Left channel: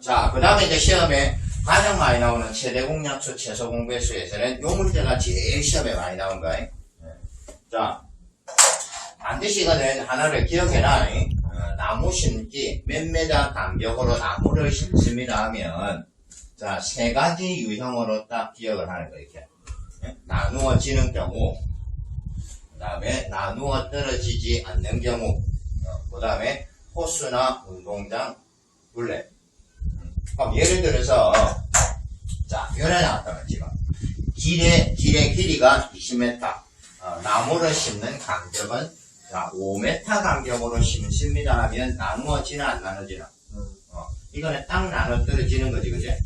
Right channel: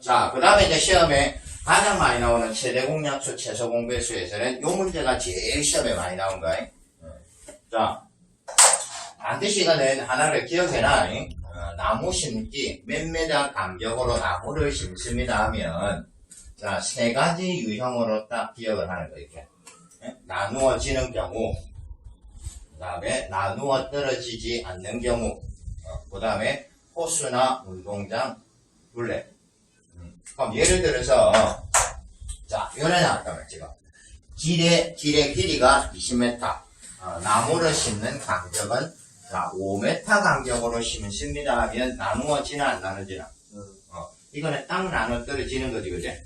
자, 그 다음에 이제 시험에 가장 많이 나오는 최대 공약수, 최소 공배수에서는 요 문제가 제일 시험에 많이 나온 거야. 자, 반드시 이거는 하나를 기억해라. 나무 심기 몇 메다 간격으로 나무를 심습니다 하면, 자, 세 가지 유형으로 딱 기억을 하는 거, 이렇게. 나누어지는 경우, 그 다음에 나누어 떨어지지 않는 경우, 그 다음에 호수나 운동장, 둘레. 그럼 예를 들어서, 자, 요래 나왔다면 지금. 길의 길이가 20m, 나무를 심는 간격은 자, 5m 간격으로 심습니다 하면 나누어지나 안 나누지나? 이거는 딱 나눠 떨어지는 거지, 그지?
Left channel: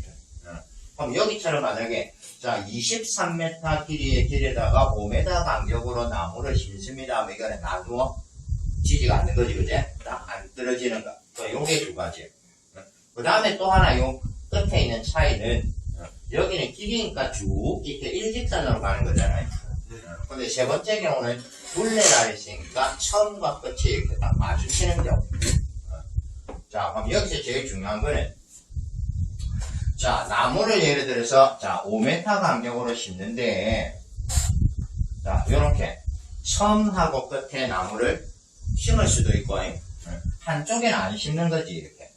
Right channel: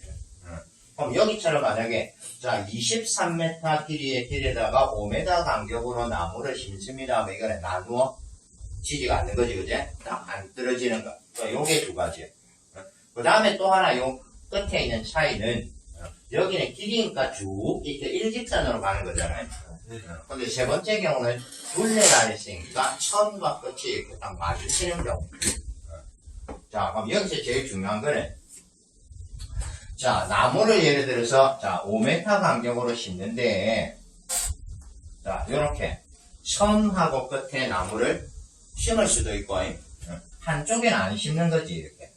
그럼 여기처럼 만약에 자 23m 길이의 길에다가 5m 간격으로 나무를 심습니다 하면 이거는 나누어지지가 않는 거지, 그지? 딱 안 떨어지는 거. 요게 두 가지. 그 다음에 또 하나 요 끝에 있는 차이는 여기는 길이니까 쭉 이렇게 일직선으로 가는 거잖아요. 근데 세 번째 경우는 둘레가 있으니까 처음과 끝이 이렇게 딱 마주치는 경우. 자, 그럼 여기서 제일 중요한 거는 자, 나무를 예를 들어서 자 5m 간격으로 심는데 자, 요렇게 처음하고 끝에 나무를 심을 수도 있고 한쪽에는 안 심는 거지, 이렇게.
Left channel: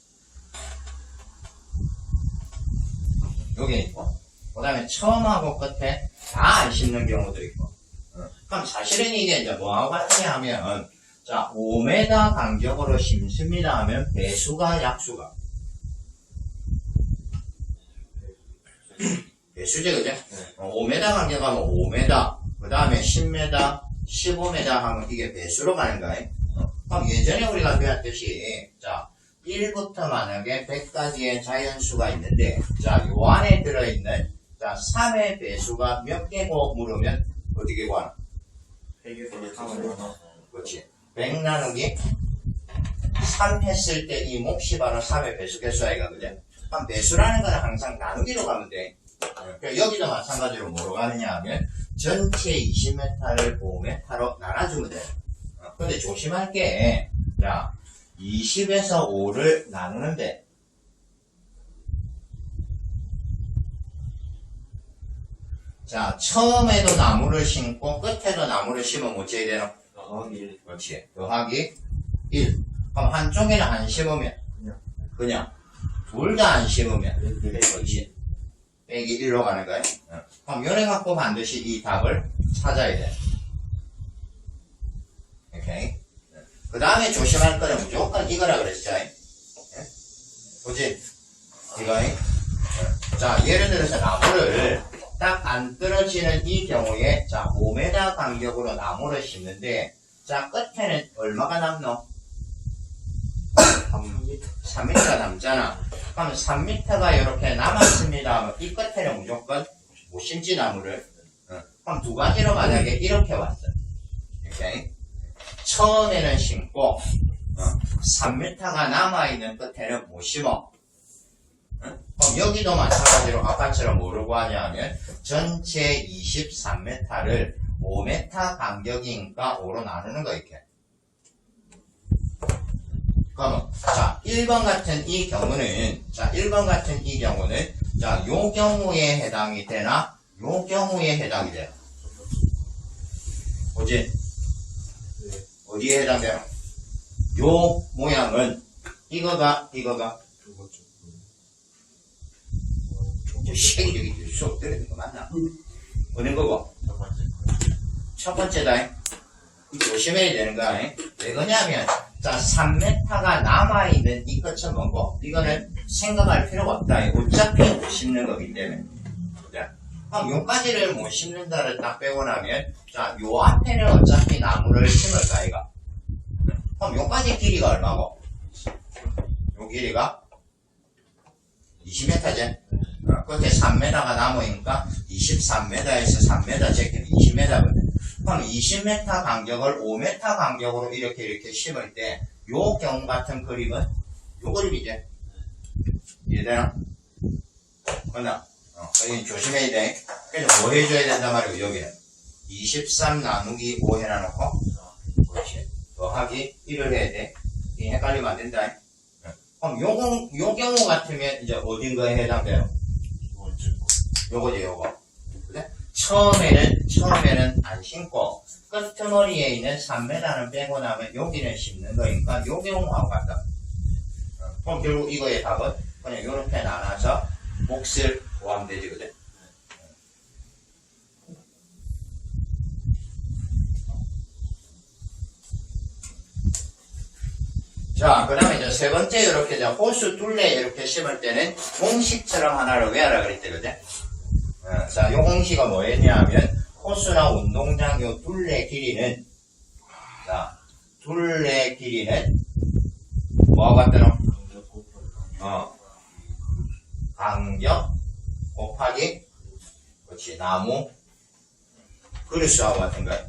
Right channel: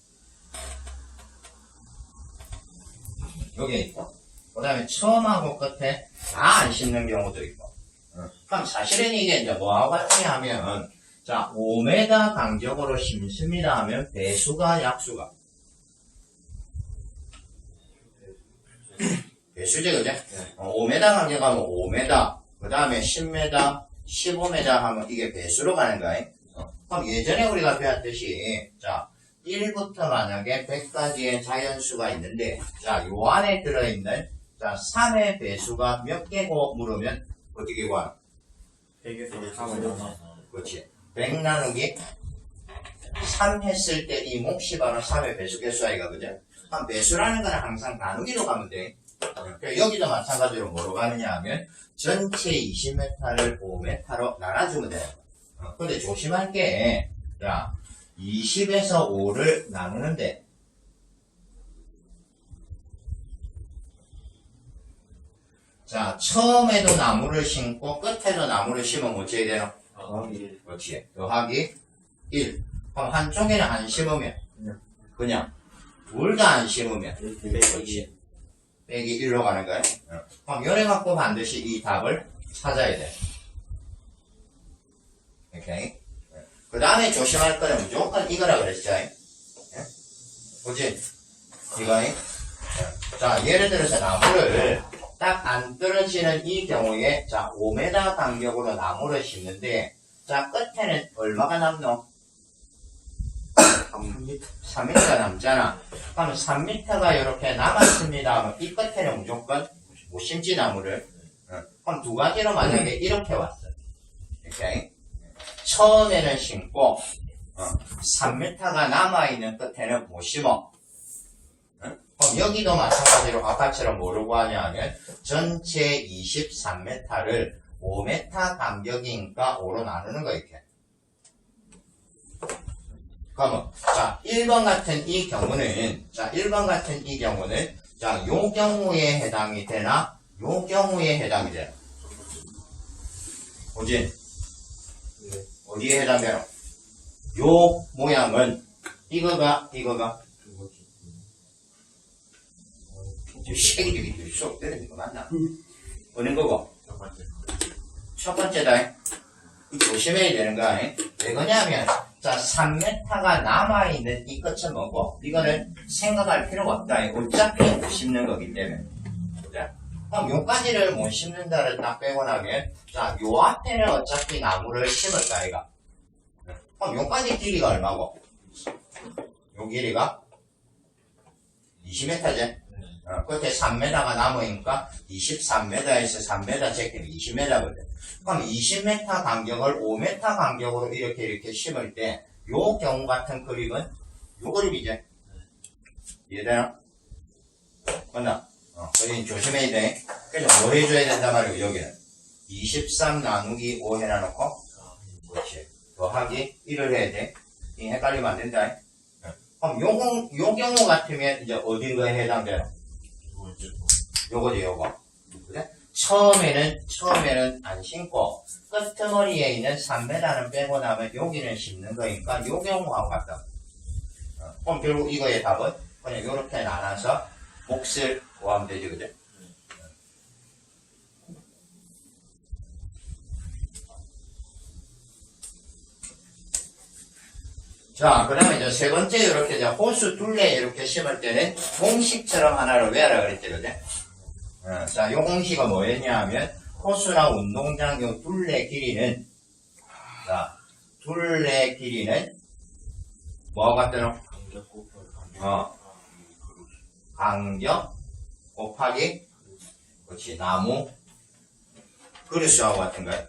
여기 있고, 그 다음에 처음하고 끝에 다 안 심는 경우도 있고. 그럼 사실은 이게 이제 뭐하고 같으냐 하면, 자, 5m 간격으로 심습니다 하면 배수가 약수가. 배수제, 그죠? 5m 간격하면 5m, 그 다음에 10m, 15m 하면 이게 배수로 가는 거야. 그럼 예전에 우리가 배웠듯이, 자, 1부터 만약에 100까지의 자연수가 있는데, 자, 요 안에 들어있는, 자, 3의 배수가 몇 개고 물으면, 어떻게 구하나? 100에서 3을 그렇지. 100 나누기 3 했을 때 이 몫이 바로 3의 배수 개수 아이가, 그죠? 그럼 배수라는 건 항상 나누기로 가면 돼. 그러니까 여기도 마찬가지로 뭐로 가느냐 하면, 전체 20m를 5m로 나눠주면 돼. 근데 조심할 게, 자, 20에서 5를 나누는데, 자, 처음에도 나무를 심고 끝에도 나무를 심으면 어찌해야 되나? 그렇지. 더하기 1. 그럼 한쪽에는 안 심으면, 그냥 둘 다 안 심으면, 그렇지. 빼기 1로 가는 거야. 그럼 요래 갖고 반드시 이 답을 찾아야 돼. 오케이. 그 다음에 조심할 거는 무조건 이거라 그랬죠. 그치? 이거. 자, 예를 들어서 나무를 딱 안 떨어지는 이 경우에, 자, 5m 간격으로 나무를 심는데, 자, 끝에는 얼마가 남노? 3m가 남잖아. 그럼 3m가 이렇게 남았습니다 하면 이 끝에는 무조건 못 심지, 나무를. 그럼 두 가지로 만약에 이렇게 왔어. 오케이? 처음에는 심고 3m가 남아있는 끝에는 못 심어. 그럼 여기도 마찬가지로 아까처럼 뭐라고 하냐 하면 전체 23m를 5m 간격이니까 5로 나누는 거, 이렇게. 그러면 자 1번 같은 이 경우는 자 1번 같은 이 경우는 자 요 경우에 해당이 되나 요 경우에 해당이 되나? 그지? 어디에 해당되나? 요 모양은 이거가 저 시계기 저기 수업 때리는 거 맞나? 어느 거고? 첫 번째다. 조심해야 되는 거야. 왜 그러냐면 자 3m가 남아있는 이 끝은 뭐고 이거는 생각할 필요가 없다. 어차피 못 심는 거기 때문에. 그럼 요까지를 못 심는다를 딱 빼고 나면 자 요 앞에는 어차피 나무를 심을까 이가. 그럼 요까지 길이가 얼마고? 요 길이가 20m지? 끝에 3m가 남으니까 23m에서 3m 제끼면 20m거든. 그럼 20m 간격을 5m 간격으로 이렇게 심을 때 요 경우 같은 그림은 요 그림이지. 이해되나? 맞나? 여기 조심해야 돼. 그래서 뭐 해줘야 된단 말이고 여기는 23 나누기 5 해놔놓고 그렇지. 더하기 1을 해야 돼. 이 헷갈리면 안 된다. 그럼 요 경우 같으면 이제 어딘 거에 해당돼요? 요거지, 요거. 그래? 처음에는 안 심고, 끄트머리에 있는 3m는 빼고 나면 여기는 심는 거니까 요 경우하고 같다. 그럼 결국 이거의 답은 그냥 요렇게 나눠서 몫을 구하면 되지, 그죠? 자, 그 다음에 이제 세 번째, 이렇게 이제 호수 둘레 이렇게 심을 때는 공식처럼 하나를 외워라 그랬지, 그죠? 자, 요 공식은 뭐였냐면, 호수나 운동장 요 둘레 길이는, 자, 둘레 길이는, 뭐 같더라? 간격 곱하기, 그렇지, 나무, 그릇하고 같은 거야.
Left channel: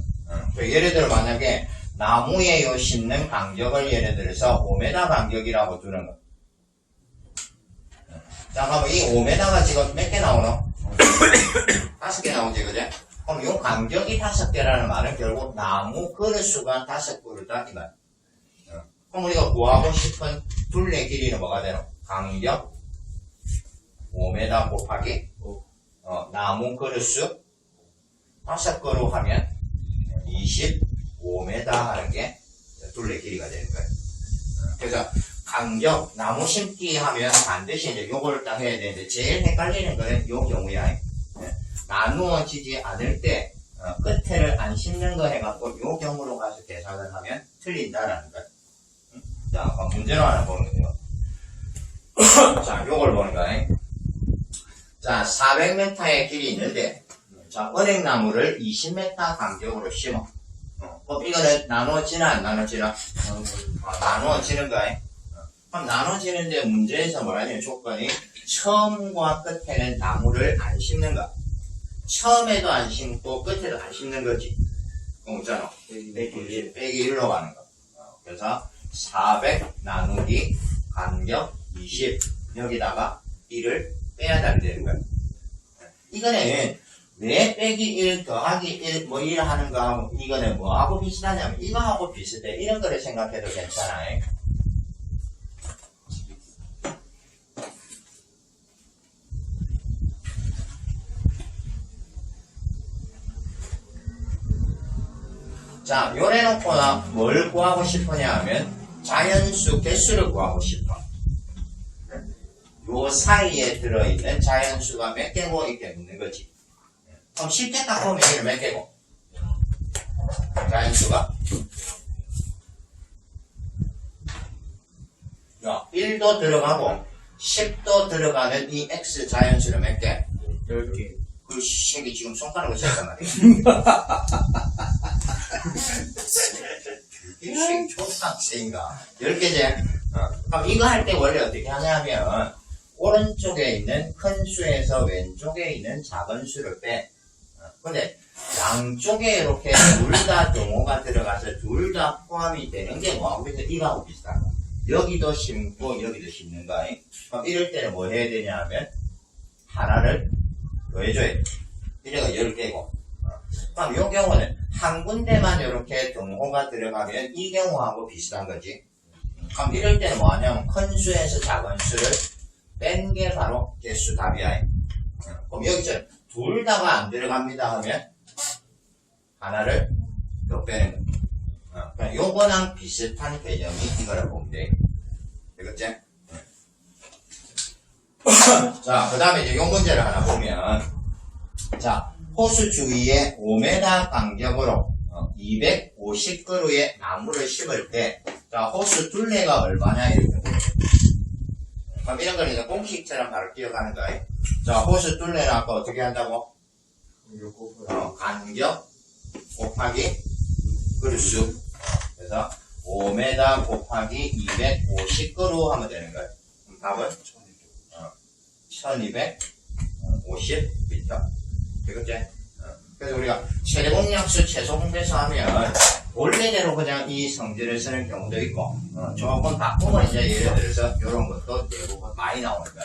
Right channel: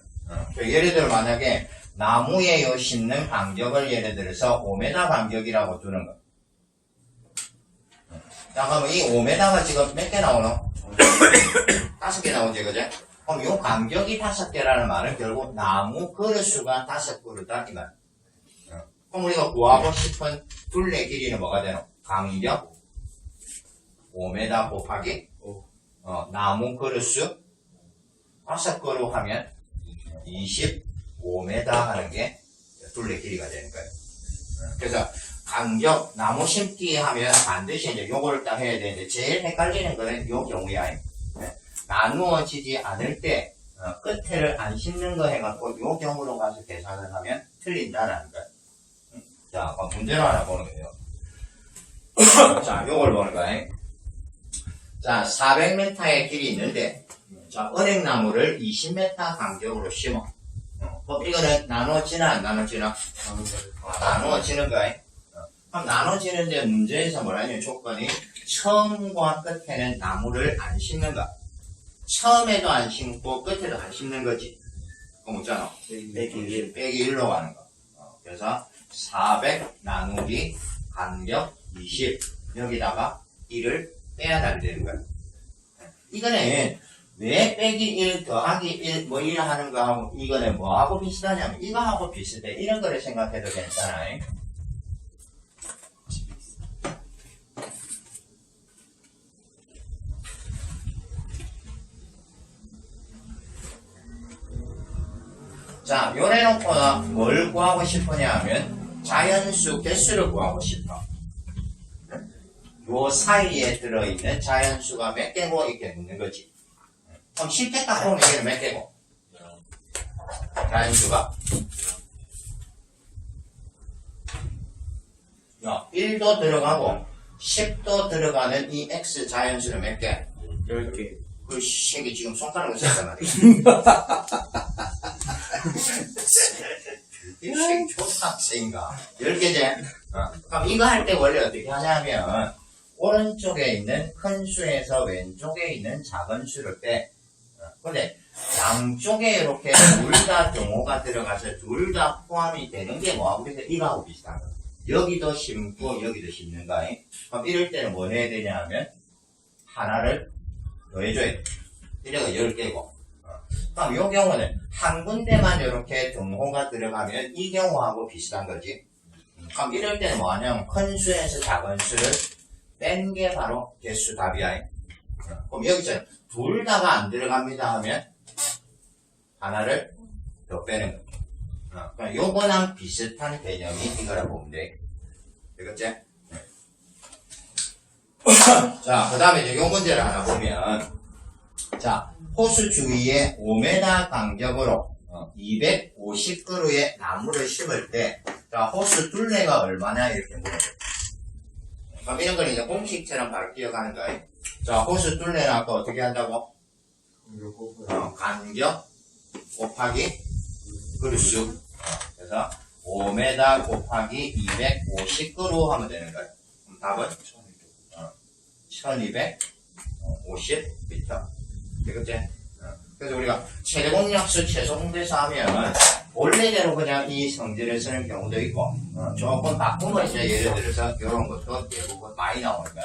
예를 들어 만약에, 나무에 요 심는 간격을 예를 들어서 5m 간격이라고 두는 거. 자, 그러면 이 5m가 지금 몇 개 나오노? 5개 나오지, 그죠? 그럼 요 간격이 5개라는 말은 결국 나무 그릇수가 5그릇다, 이 말. 그럼 우리가 구하고 싶은 둘레 길이는 뭐가 되노? 간격 5m 곱하기 나무 그릇수 5그릇 하면 25m 하는 게 둘레 길이가 되는 거예요. 그래서 간격 나무 심기 하면 반드시 이제 요걸 딱 해야 되는데 제일 헷갈리는 거는 요 경우야. 나누어지지 않을 때 끝에를 안 심는 거 해갖고 요 경우로 가서 계산을 하면 틀린다라는 거예요. 자, 그럼 문제로 하나 보는 거예요. 자, 요걸 보는 거예요. 자, 400m의 길이 있는데 자, 은행나무를 20m 간격으로 심어. 그럼 이거는 나누어지나 안 나누어지나? 나누어지는 거야. 그럼 나누어지는데 문제에서 뭐라냐면 조건이 처음과 끝에는 나무를 안 심는 거. 처음에도 안 심고 끝에도 안 심는 거지. 그럼 있잖아. 빼기 1로 가는 거. 그래서 400 나누기 간격 20 여기다가 1을 빼야 되는 거야. 이거는 왜 빼기 1 더하기 1 뭐 1 하는 거하고 이거는 뭐하고 비슷하냐면 이거하고 비슷해. 이런 거를 생각해도 괜찮아요. 자, 요래 놓고나 뭘 구하고 싶으냐 하면 자연수 개수를 구하고 싶어. 요 사이에 들어있는 자연수가 몇 개고 이렇게 묻는 거지. 그럼 실제 딱 보면 여기는 몇 개고? 자연수가 1도 들어가고 10도 들어가는 이 X 자연수는 몇 개? 10개. 그 새끼 지금 손가락을 썼단 말이야. 이 새끼 초등학생인가? 10개제? 그럼 이거 할 때 원래 어떻게 하냐면 오른쪽에 있는 큰 수에서 왼쪽에 있는 작은 수를 빼. 근데 양쪽에 이렇게 둘 다 등호가 들어가서 둘 다 포함이 되는 게 뭐하고 비슷해? 이거하고 비슷한 거야. 여기도 심고 여기도 심는 거야. 그럼 이럴 때는 뭐 해야 되냐 하면 하나를 더해줘야 돼. 이래가 10개고. 그럼 이 경우는 한 군데만 이렇게 등호가 들어가면 이 경우하고 비슷한 거지. 그럼 이럴 때는 뭐 하냐면 큰 수에서 작은 수를 뺀 게 바로 개수 답이야. 그럼 여기서 둘 다가 안 들어갑니다 하면 하나를 더 빼는 거야. 그럼 요거랑 비슷한 개념이 이거라 보면 돼. 되겠지? 자, 그 다음에 이제 요 문제를 하나 보면 자, 호수 주위에 5m 간격으로 250그루의 나무를 심을 때 자, 호수 둘레가 얼마냐 이렇게 물어요. 그럼 이런 걸 이제 공식처럼 바로 기억하는 거예요. 자, 호수 둘레는 아까 어떻게 한다고? 간격 곱하기 그루수. 그래서 5m 곱하기 250그루 하면 되는 거예요. 그럼 답은 1250m. 되겠지? 그래서 우리가 최대공약수 최소공배수 하면 원래대로 그냥 이 성질을 쓰는 경우도 있고 조금 바꾸면 이제 예를 들어서 이런 것도 대부분 많이 나오는 거야.